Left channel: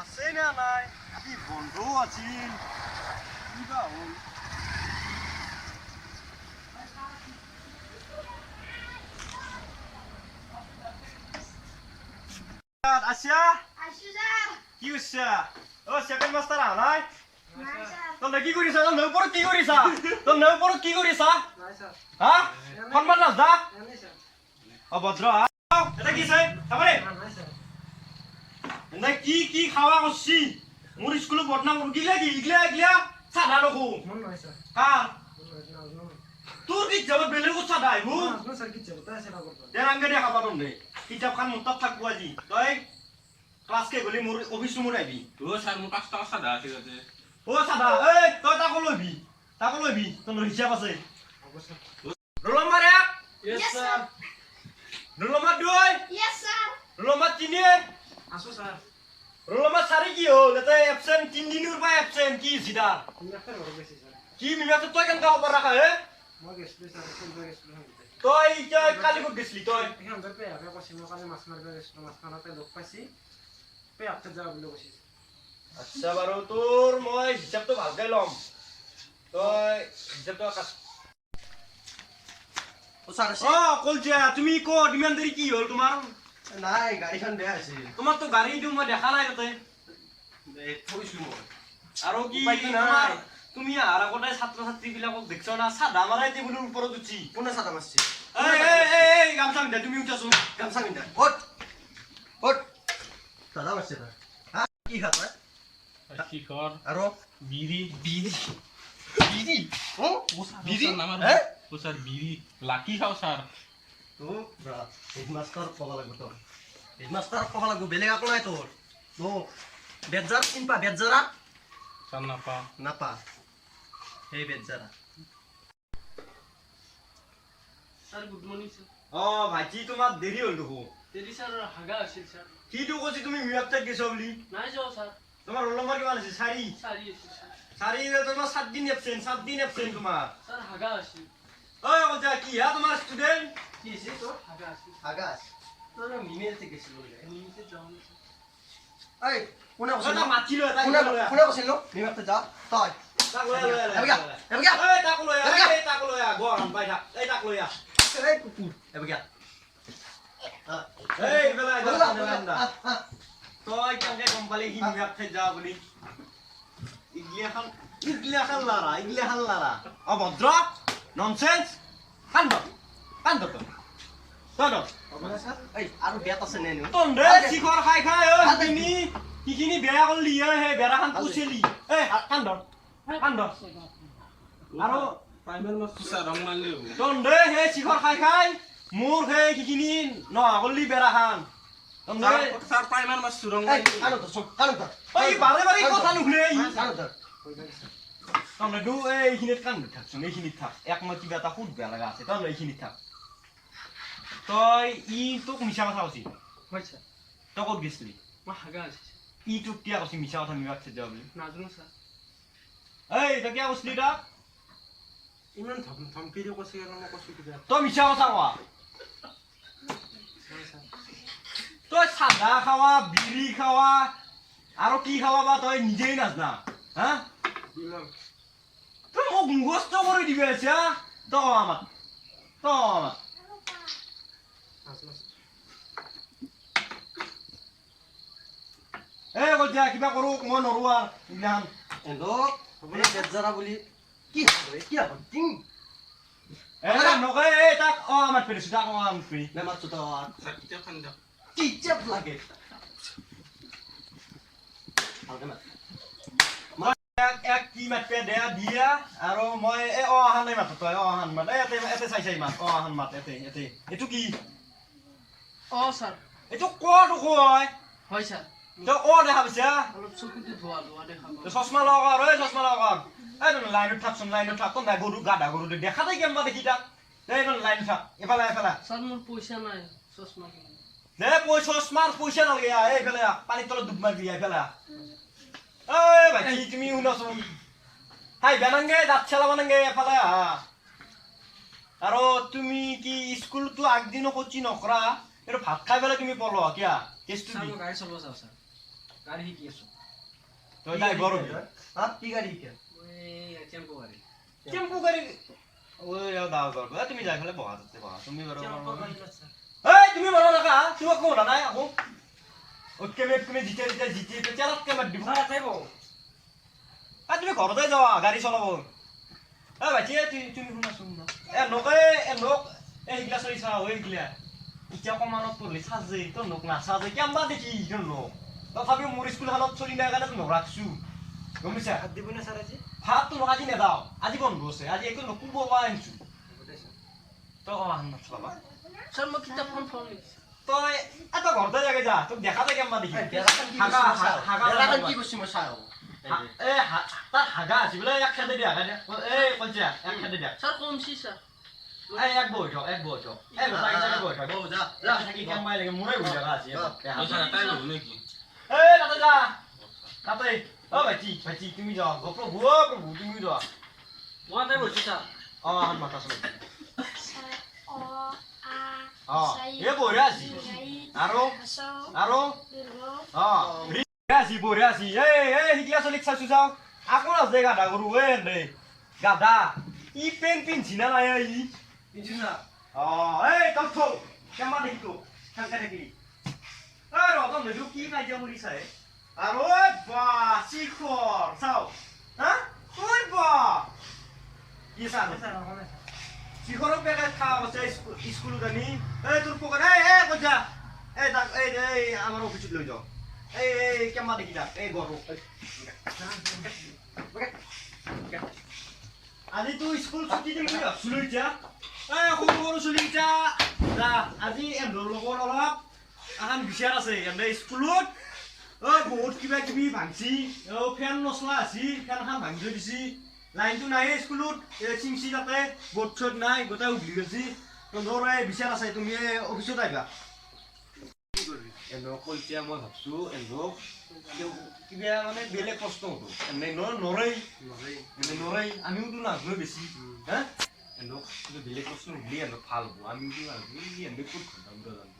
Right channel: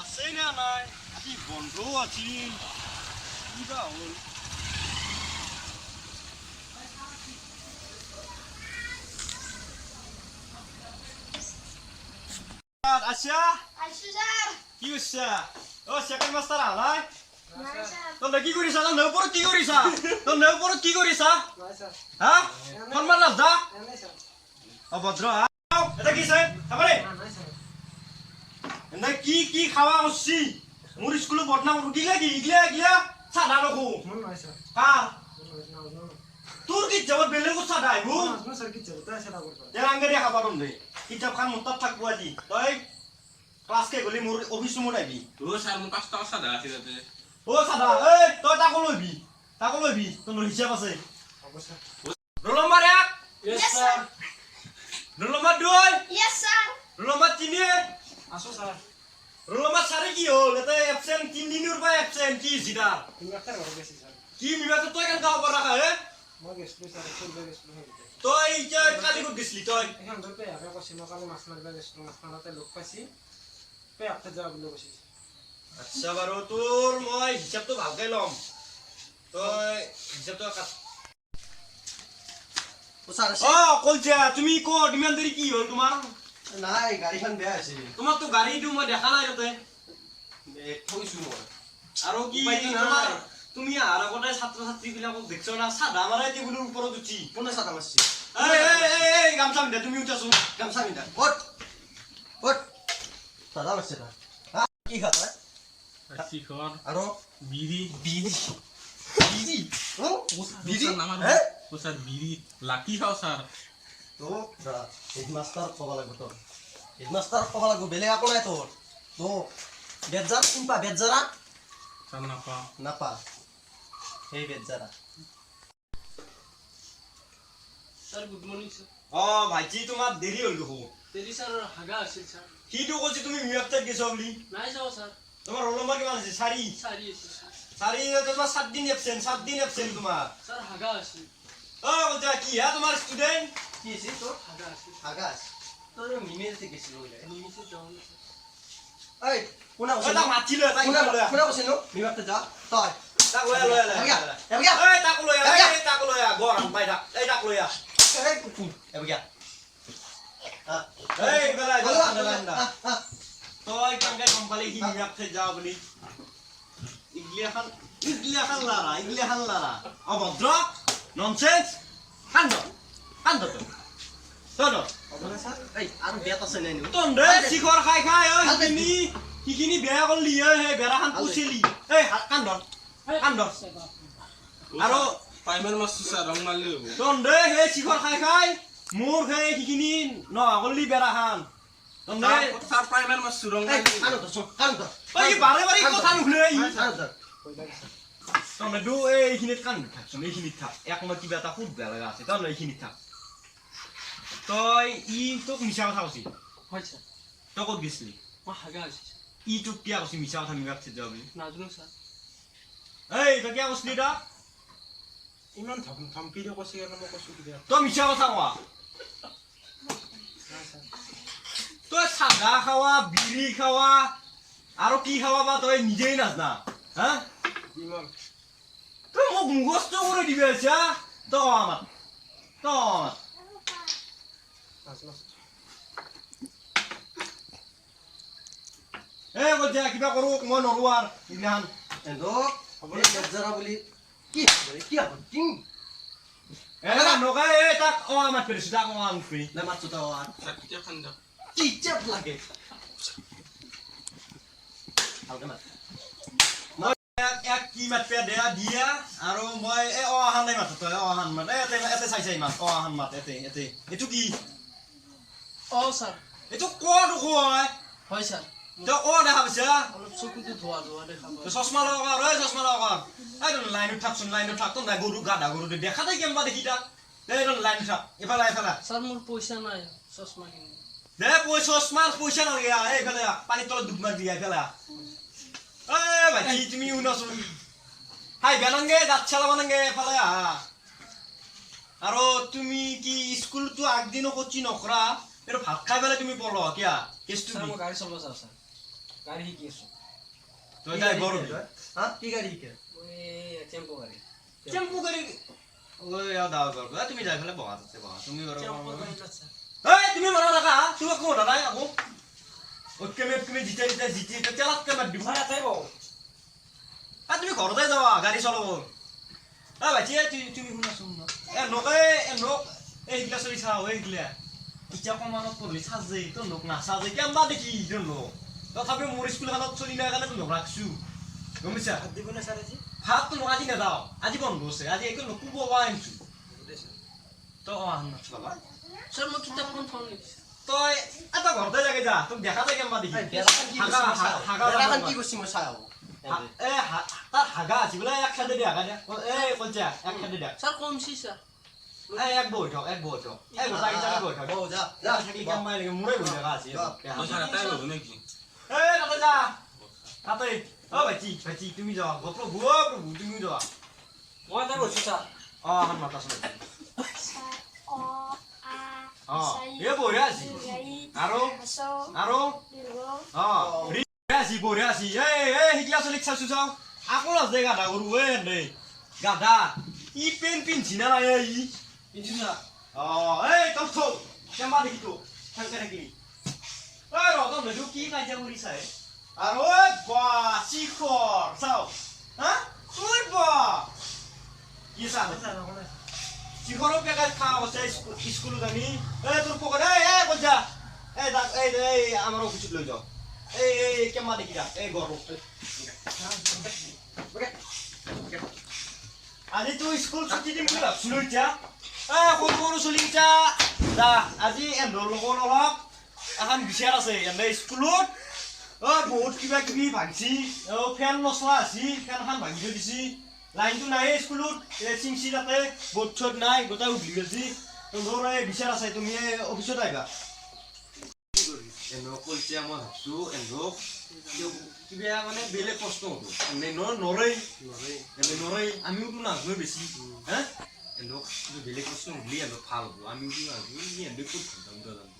আছে না নাই কি বন্ধ আছিল কিবা হল আচ্ছা কি হইছে ও সেকেন্ড মাস্টার আলাই তোর কি করিস তোর নেউপর কি করিস তোর নেউপর কি করিস হ্যাঁ ফরমান রাজা অভদ্র এটা কি সাহেব খাবারে না কি কি খাওয়া হচ্ছি মোর স্কুলে বদনাম গিলা কি ইগলা ইগলা সাদা নকো মন নাই স্যার কার তোর কি জবাব বেলে কো সাদা আইবো না স্যার কি জবাব তাই সাদা করতে দেন আঙ্গে দেখা পাবো নে কিতাব খান মত থাকবো আজি তই ক্লাস কে গলি মোর অফিস রুমত আইবি তো স্যার মো 5 টাকা সাদা আছে যাতে ও সাদা এই তই তাকো লইবি তোর হিসাব আছে অবশ্য roll number 1 Yes, sir. Roll number 2 Yes, sir. Roll number 3 আসো স্যার রোল নাম্বার 4 কি হল এতে অ্যাবসেন্ট 3 দিনের পর অ্যাবসেন্ট কি জিদা তুমি একটা বড় বেশি স্যার কি মিমাতে তুই কেন গাও পর রাখা হে মই গেছলো স্যার ফুলবে গেছলো হইতে তুই যে কালি কো গেছলি তুই এখন ধরবে আমি কইছি মই কালি মাছ মারবে গেছলো মাছ মারাতে লোক পাইছি পে আপতে যাও বলে বসিস আচ্ছা বারো তোর মই হিসাব তো ভালকে লম তুই হিসাব তো ও স্যার আছে কলজা তুমি কো ডিমান্ড দেরি কি হল তোমার নাই গাড়ীখন বেয়া আছে তোমার তো গাড়ি দিও মই দেখা নাই তাতে থৈছো মই আৰু কি উপায়তো নাই। তোমাৰ তুমি আৰ আগতে ছাত্ৰ ছাত্ৰী বিলাকক দেখছো না সাদা মাৰাই টেবুলৰ ওপৰত উঠি কোনে চাতা মারছে এই গামছা পিন্ধা তুমি উঠাছো গামছা পিন্ধা ওট ওট চাতা মারছে না হ্যাঁ কি খাত শিখর আৰু বিড়ি বিড়ি বিড়ি ও বিড়ি নামার হ্যাঁ ও স্যার বিড়ি লাকি খাও স্যার তো হেডমাস্টার কবা লাগব তোর হেডমাস্টার কবা লাগব বেলেগ আকো নাই তোর তো বেজার ইম্পা বেজারা স্যার না পা নাপা এই বেজারা স্যার গুড মর্নিং স্যার ভাইটি তোমাৰ দেৰি হ'ল দেখো দেৰি স্যাৰ হাগা আছিল স্যাৰ সিটো কৈছে তুমি মিয়াপটাক গেছো বুলি নাই যাও স্যাৰ তোমাৰ ৰোল নম্বৰ কিমান আছে 4 সাৰি আছিল স্যাৰ 4 তোমাৰ 7 দিন এবসেন্ট তোমাৰ স্যাৰ হাগা আছিল কলজা কি হা তোমাৰ ষ্টুডেন্ট কি আছে তোর হাগা আছিল আগাস তোর মিমেলতে গেছিল বলে নিমিতে যাও না এই কোনা কইছিল তাক মাতি লৈ তাক কোনা লৈ কোনা কইছিল মিমাতে যা তই তাক লৈ এবিয়া এবিয়া তাক লৈ তাক লৈ গৰম পাই থাক এই তাক লৈ এই কুকুর এবিয়া এই বেলা তই কেনেকে গম পালি সি মিয়াপতে যা বুলি ইগলিয়াখান লাৰা অভদ্ৰ ননসেন্স কান্দ তই অবলা স্যাৰ এই আৰ বেত আছে নেনি তন্দে শিখৰ খাই সিখিনি বেয়া কৰিলি হে বেৰাখান পুছিলি এই কান্দ আৰু প্ৰাইমাৰ মাস্টাৰ স্যাৰ ৰং মাৰলে হবো তন্দে হে শিখৰ খাই মোৰ হে সিখিনি নহা কৰিলি বেৰাখান তন্দে স্যাৰ প্ৰাইমাৰ মাস্টাৰ ৰং এই মাৰলে আনো তো কানো এই বাৰে কথা নুশুনে আনো তো তন্দে দু এইখিনিত কান্দি থাকচোন এইখিনিত থাক মই কিবা এটা সুধ বেয়া লগা আছে তই এইখিনিত থাক তই তোক মিছা কথা কৈছি হয় স্যার তই ক'ত গেছলি মই হাগা আছিল তোক কিয় কৈছি মিছা কথা মিবাক যা বুলি নাজনো স্যার এই তই কিয় কৈছলি তই ইমান ধমকি দি কৈছে কেন মই কৈছো কিবা তই মিছা কথা কোৱা নাই স্যাৰ তই চাদা খাৱা বিড়ি খাৱা আৰু কি খাৱা বা তই নিজেই নাজনা হা ইমান তই মোক মুখস্থ কৰি দিবি আছা তই কোৱা আমাক নাজনো এই কলজা কিবা কৰোঁ মই নৰোঁ আৰু ইগলাখান এলো এই বেজারা বলি কি হবে কি হবে টিং নকয় এই তাক আমাক পেৰিছোঁ তাক আমাক ফ্ৰী নে মাছ তো আর স্যার কিতাব খান দাও কি চেপ লাগে হালকা না এক কি মাতপে দিয়া আৰু মই এই অহান নাই মাত তই অহান মাত এতে চাই মাত অহান মাত এতে এইটো কি অ স্যার এইটো ক'ত কয় হয় স্যার তই দেখা পাইছা অলপ চকুটো ধোৱা দেখা পাওঁ চশমা লগাৰ চশমা লগাৰ এই লাইনত থাকচোন তই নাই গৰু গাধা গৰু দেখা নাই কেম্বা দেখি তাক এই লাইনত থাক এফালে স্যাৰ মোৰ পইচা নাই চশমা কিনিব চশমাৰ পইচা নালাগে এইফালে পানীৰ তলত ডুব মাৰি দিয়া এইফালে এই ভাইটি তুমি শুনাচোন হাই বেনাংগে দাঁত চেলাব নাংগে এফালে আৰু তুমি কি স্কুলটো আগদিনো কচি নকৰা এইটো ভাত খাই পেলাই তুমি পঢ় কিয়া কেছটো স্যার কি মই গাড়ী চলাব যাওঁ স্যার গাড়ী শিকি আছো তই ড্ৰাইভাৰ হবি হা কি গাড়ী শিকে টেম্পো গাড়ী টেম্পু গাড়ী ঐ আৰু দাও বাৰু তুমি যাই ফেলে বহা তাতে বহা তুমি বাৰু এই তুমি মাৰা নাকা তুমি আকৌ মৰা নাই আকৌ ওকে তুমি জিতে তেলাতকে মাৰ দিব তুমি ঘৰতে যাবা গাড়ী চলাব ভাইটি তুমি শুনাচোন নক এইগিলা চলি চাওঁ এইগিলা এতিয়া কমানত পঢ়লি চাজে তোৰ নক নাচাজে কেম্বা দেখি তোৰ নক তথাপি মোৰ স্কুলখনত চলি নাই কাৰণে তোৰ ৰাখছো গম পাইছা ভাত দিব না ছাৰ আজি ভাত তোৰ আজি নেদাও আজি বন্ধ আছে আজি একো নকুব পৰা আনিছো তই অহা নাচলাবা ছাৰ মই কিতাপখন থওঁ লিখিছোঁ তই এটা ঘৰতে যাগে যা তোক দেখাতে কেম্বা দেখি বেৰাখন কি কৰিছে মই চাওঁ তাৰ হাগা আছে বোলে এক খাদে দিয়া এই কলচা এক খাদে দিয়া ছাৰ কমছি ছাৰ এক বহি থক এই গোটাই জাগে বহি থক যা যা থাকি কেম্বাই লাগে মোৰে বহি থকা আছে এটাই ল'ব নেকি এই তাতে যা তাতে ভাইটি তুমি যাও প্ৰভু তুমি যোৱা মই তাই বহিছোঁ ছাৰ এখন মাতা চলে এই বঢ়িয়া আছে আৰু বঢ়িয়া আছে এই শিকলা চলিক চাইছো চাও আকৌ নাচে গাধা গৰু দেই গাধা ই পেন পিন্ধছি না নাই ই পিন্ধি না এই তল থল কেম্বা দেখি তো থাকা থাকি এই ৰতন নেদু কি কাজিয়া কৰি চাই আৰু বা শিখৰ চাও হা ঐ বা কি চাও শিখৰৰ পেকাত খা আছে স্কুলত আনি এই তোৰ পকেট এই কইজা এই আমাৰ অফিচত লৈ যাও এই কেম্বা দেখি দা এই গৰু আজি তো স্কুল ছুটি দিম বুলি ভাবছিলো এতিয়া সৰু চলি এতিয়া যা আজি এন্দৰ লগত অলপ এখন বিচাৰ আছে এনে স্কুলত বহুত কিবা কিবি ভাঙছি ফেন নচলা আছে ফেনখন ভাঙি থৈ দিছি লাইনটো নাই স্কুলত চিংচি তাতে বৰ্ড চৰ্ড নাই গোটাই উঘলি গৈছি তোৰ বিচাৰ আছে তুমি অফিচত আহিবা এন্দক কৈছে মই ভাবছো এন্দক কিবা মানে বেলেগ প্ৰশ্ন হ'ব এনে নৰই আমিওতো নাজানো বেছি হা এন্দক বেলেগ প্ৰশ্ন সুধিলে এন্দক ভাল হ'ব আমিওতো নাজানো এন্দক ক'ত ঘণ্টা মুৰা জানো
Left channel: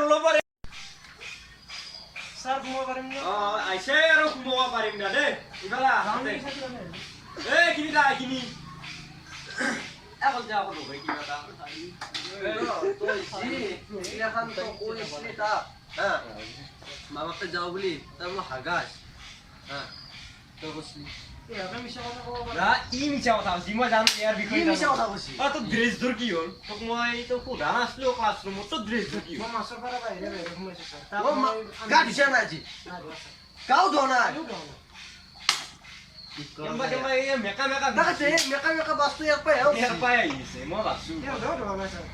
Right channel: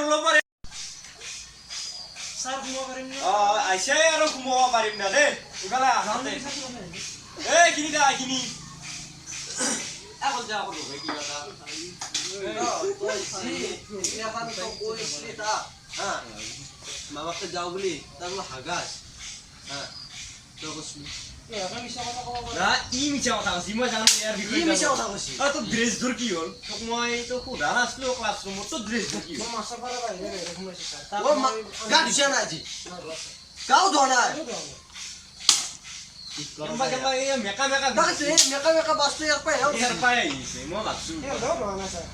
ৰোল ছাৰ সোমাব পাৰিম না আহিছে আৰু সোমাব পাৰিম না দেই ইফালে এই কিনি দা এইখিনি এখন যা আকৌ লগাই কিবা এটা মামাকে যাওঁ বুলি তাৰ বোলে হাগা তই কৈছিলি মিছা কথা ক'ব ই মিছা কথা কৈছি মই জানো ইয়াৰ বিষয়ে মিছা কথা কৈছি তোৰ ড্ৰেছ ধৰ কি হ'ল তোক মই তোক সোধা নাছিলো ক্লাছৰুমত তোৰ ড্ৰেছ ধৰ কি মই মাছৰ পৰা বাহিৰে সোমাইছোঁ ছাৰ গা ধুইছা নাই আজি গাও ধোৱা নাই মেকা মেকা বাছটো ইয়াৰ পৰাই আহিছে মই ভাবছো ধোৱা নাই ছাৰ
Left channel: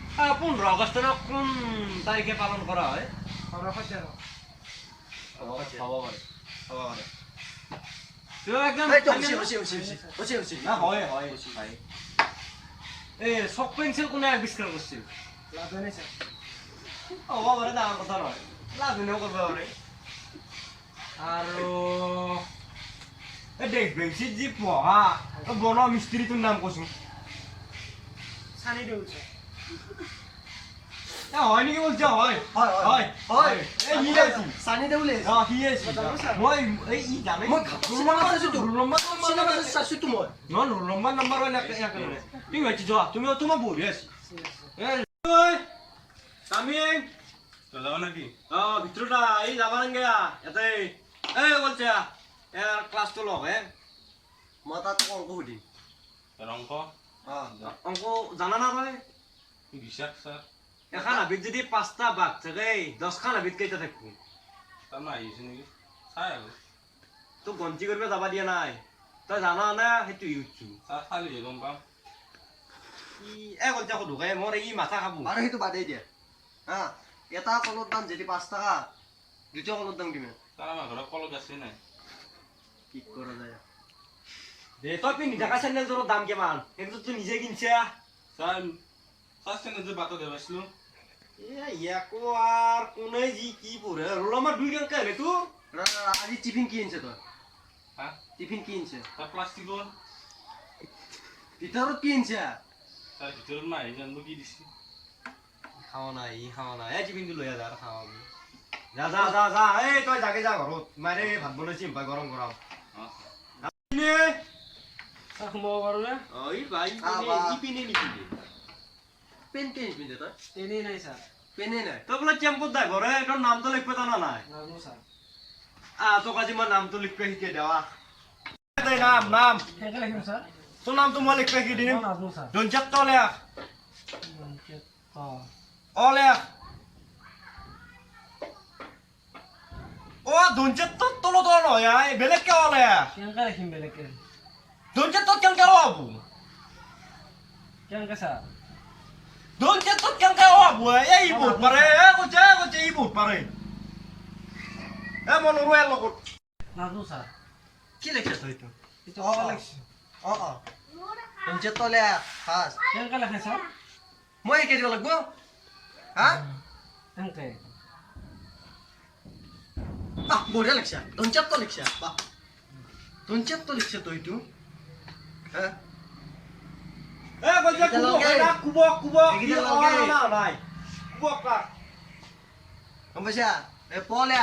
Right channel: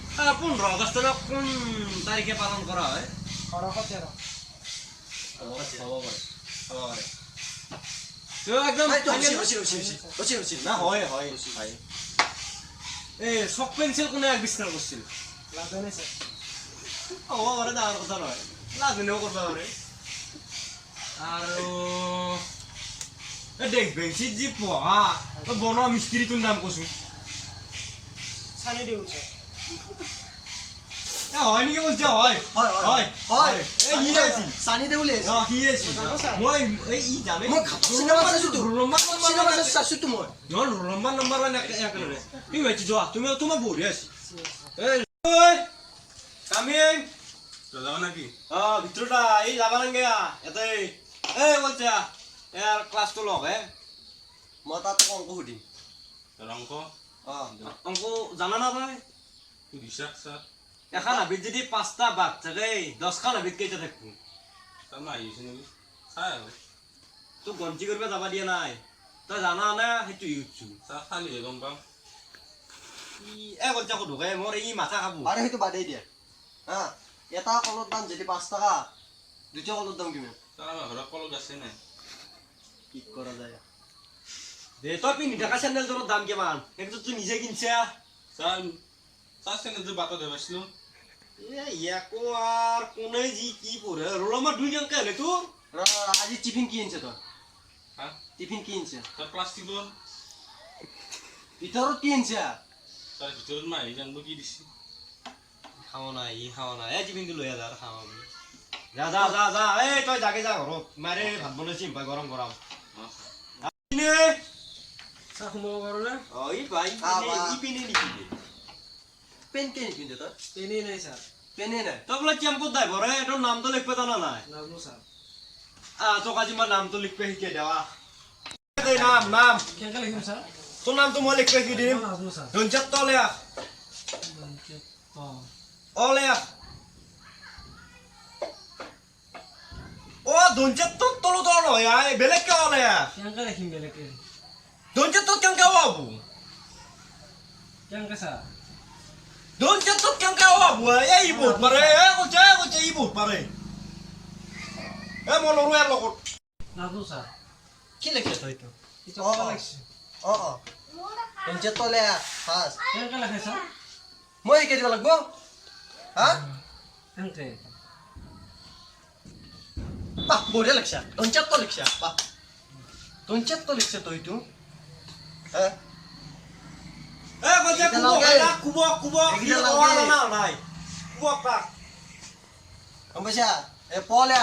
15 আগষ্টৰ কোন তাৰিখে পালন কৰা হয় হ'ব পাৰে একদম না হয় ভাই এই চক পেঞ্চিল কোনে আৱিষ্কাৰ কৰিছিল লাভে নাই ছাৰ হ'ব পাৰে ডাঙৰ কথা নহয় লাজনীও কৰিব পাৰে আৰু দেখ বেঞ্চিত যি পঢ়া বনোৱা মিস্ত্ৰীটোৰ নাম কৈছো চানি দিওঁ ছাৰ হয় নেকি বলছে হয় সি আছে চানি দে বুলি সি আছে মই ই জানে মই চিনেমা চাইছো তো মই নম্বর নম্বর তুমি ভাইছি যোৱা তুমি তোমার বহি আছি আমি যাব নাকি ভিতরটা এই যাবা নাগে এতে এই বলছে ইয়ার ক্লাসটো লগ হে মই তাত অংক সুধিম ৰংক অংক জানা না তই বিশ্বাস ছাৰ এখন হাবিত যদি 5টা বাঘ থাকে 10খান হাবিত কেইটা থাকবো তাৰমানে আহিছে নেকি চাই আৰু তোক গন্তি কৰিব যাবা দিয়া নাই তই জানা না সেইটো ইউজছো ছাৰ খালিহে গম পাম বলছে আকৌ ঢুকাই মোৰ ই মাথা খাব আৰু সেইটো বাদেই দিয়া হা এটা কলৰ দাম যদি 5 টকা দুটা কলৰ দাম কিমান ছাৰ আমাৰ ঘৰত কলত আছে নাই কি কৰা যায় দে তই পিন্ধি থকা চেণ্ডেলটোৰ দাম কিমান সেইটো তুই নিজে কিনছা ছাৰ চেনেলটো বাটত দেৱাইছিলোঁ ইয়াকো আর কোনে জি কি পড়ে রোল আমার 2 টাকা হলে তোর আজি টিফিন কি আনছে তোর হা টিফিন কি আনছে ছাৰ প্লাষ্টিকৰ ভিতৰত কি আনছে ছাৰ ভিতৰত মাহি জানব কি দিছে খাওয়া না ই খাওয়া না এই টিফিন তো লইয়া যা আর খাওয়া যা যা যা যা এই তই জাগে যা ঘৰত মাৰে ভাত বনাইছি পাই গৰম গৰম চাহ সোমাব পাৰোঁনে পেণ্টি নিপিন্ধে তই এনেই নাই ছাৰ পেনেই নাই তই বোলে টেম্পুত ড্ৰাইভাৰ হে তোৰ নামটো লিখিব জানা নাই নাজানো ছাৰ তোক আজি মই নামটো লিখিব শিকাই দেৱা তই নাম নাম কেনেকৈ লিখিম ছাৰ তোৰ নামটো মই লিখিব শিকি দিম মই নাজানো ছাৰ ধনচিত তলেখ অঁ অলেখ ধনচিত তোৰ তলত নহয় বেলেগকে অলেখ কেনেকৈ লিখিম বেলেগকৈ ধনচিত তোৰ কেনেকে হ'ব কেনেকৈ ছাৰ ধনচিত তোৰ কেনেকে হ'ব এই বহুত পাৰে কৈছে ই বহুত পাৰে মই নৰো ইয়াৰ লগত নাজানো ছাৰ কি লিখে তই এইটো এতিয়া অঁ ক'ব লাগিছে অঁ অঁ ধনচিত তলে ফাৰ্ষ্ট কেনেকৈ লিখে ছাৰ মই শিকাই দিব লাগিব হা কেনেকৈ বাহ বঢ়িয়া লিখছা ধনচিত তো লিখছা বাহ ধনচিত তো লিখছা তই এইটো হা কৈছে কুবক কুবক এইকেইটা লগে। নাই কুবক তাক গম পাইছা এ পলে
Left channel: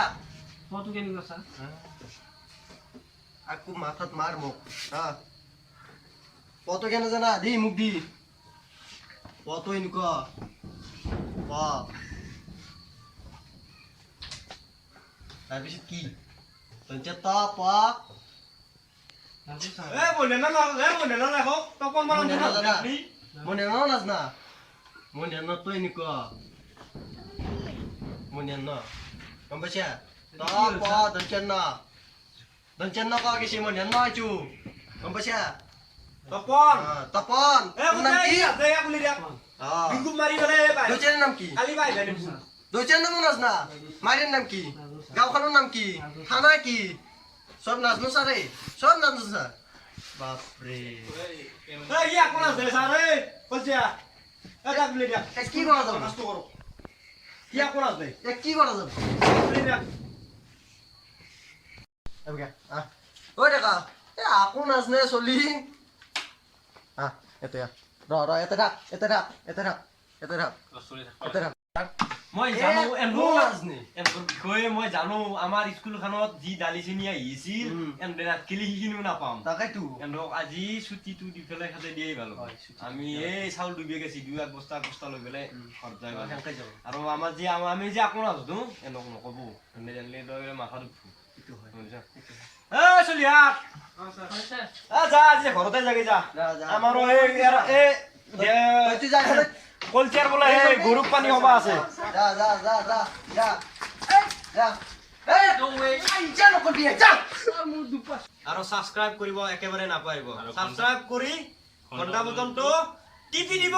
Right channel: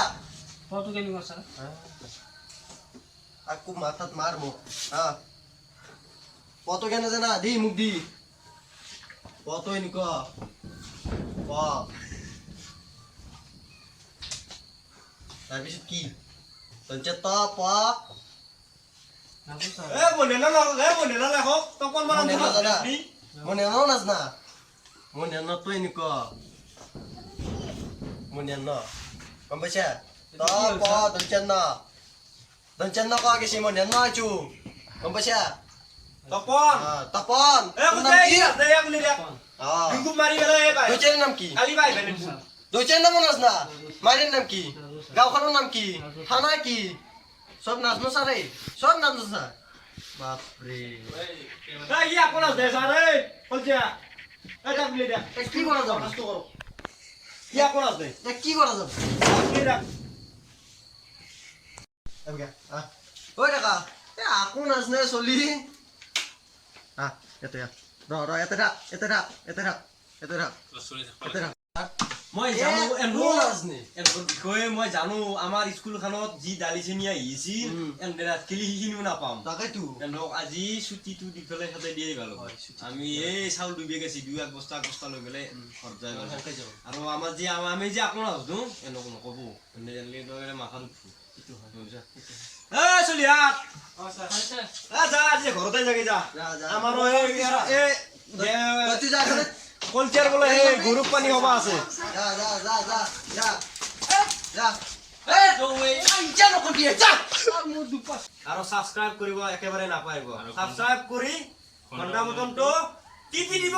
পটো কেনেকুৱা ছাৰ আকৌ মাথাত মাৰ মোক হা পতো কেনে জানা দি মোক দি পতো এনেকুৱা প তাৰপিছত কি ধনচিত প নাজানো ছাৰ মই নেনালেখক তই কোন মই নেনাজানা মই নেনাও নাজনা মই নেনা তই এনেকুৱা মই নেনা গম পাইছা ত প ধনচিত ন কোৱা গৈছে মই নেনা আছো গম পাইছা তপন তপন তোৰ নাম কি অঁ বিংকু মাৰি পেলাই ধনচিতৰ নাম কি কালি পাই ধনচিতৰ নাম নাজনা মাইৰ নাম কি গাঁওখনৰ নাম কি থানা কি চব নাজনো ছাৰে চব নাজনো ছাৰ বাপৰে কোন আছে ছাৰে কৈছে কি কৰা যাব কোন আছে কি কৰা যাব ঐ ডেকা এ আকো নাজনে চলি ইয়াতে ইয়াতে থাক ইয়াতে থাক ইয়াতে থাক ইয়াতে থাক ইয়াতে থাক মই এ, জানো কোন নাজনে? এনকৰ বিষয়ে মই জানো আমাৰ স্কুলখনত যি দালি চেনি আহিছিল উম। এনে ৰাত খেলি সেইখিনিও নাপাম তাকেতো এনক আজি ছুটিটো দি পেলাই সিহঁতে দিয়েই ভাল হ'ব। হয়, ছুটি আমি এই চাউল 2 বেগ আছে 2 এক বস্তা লৈ পেলাই ঘৰত যাই ভাল হ'ব। সেনেকৈ যাব আৰু আমাৰ যি আমি যে আকৌ নাজনো এনক নক'ব এনে জানিলে তই মাথাত উঠব সেইটো হয় বুজিছা চলি আহ অঁ ছাৰ যা আজি ঘৰতে যাগে যা যা, যা। আমাৰো তইতো যা খালে কলচিয়াৰ বোলে এই গৰুক পানী হবা আছে যা যা যা যা যা যা ইচ্ছা নকৰিবি যা মোৰ দুপা আৰু সাবস্ক্ৰাইব কৰিব একেবাৰে নাপাৰিব সাবস্ক্ৰাইব কৰি ঘণ্টা বটনটো টিপি দিব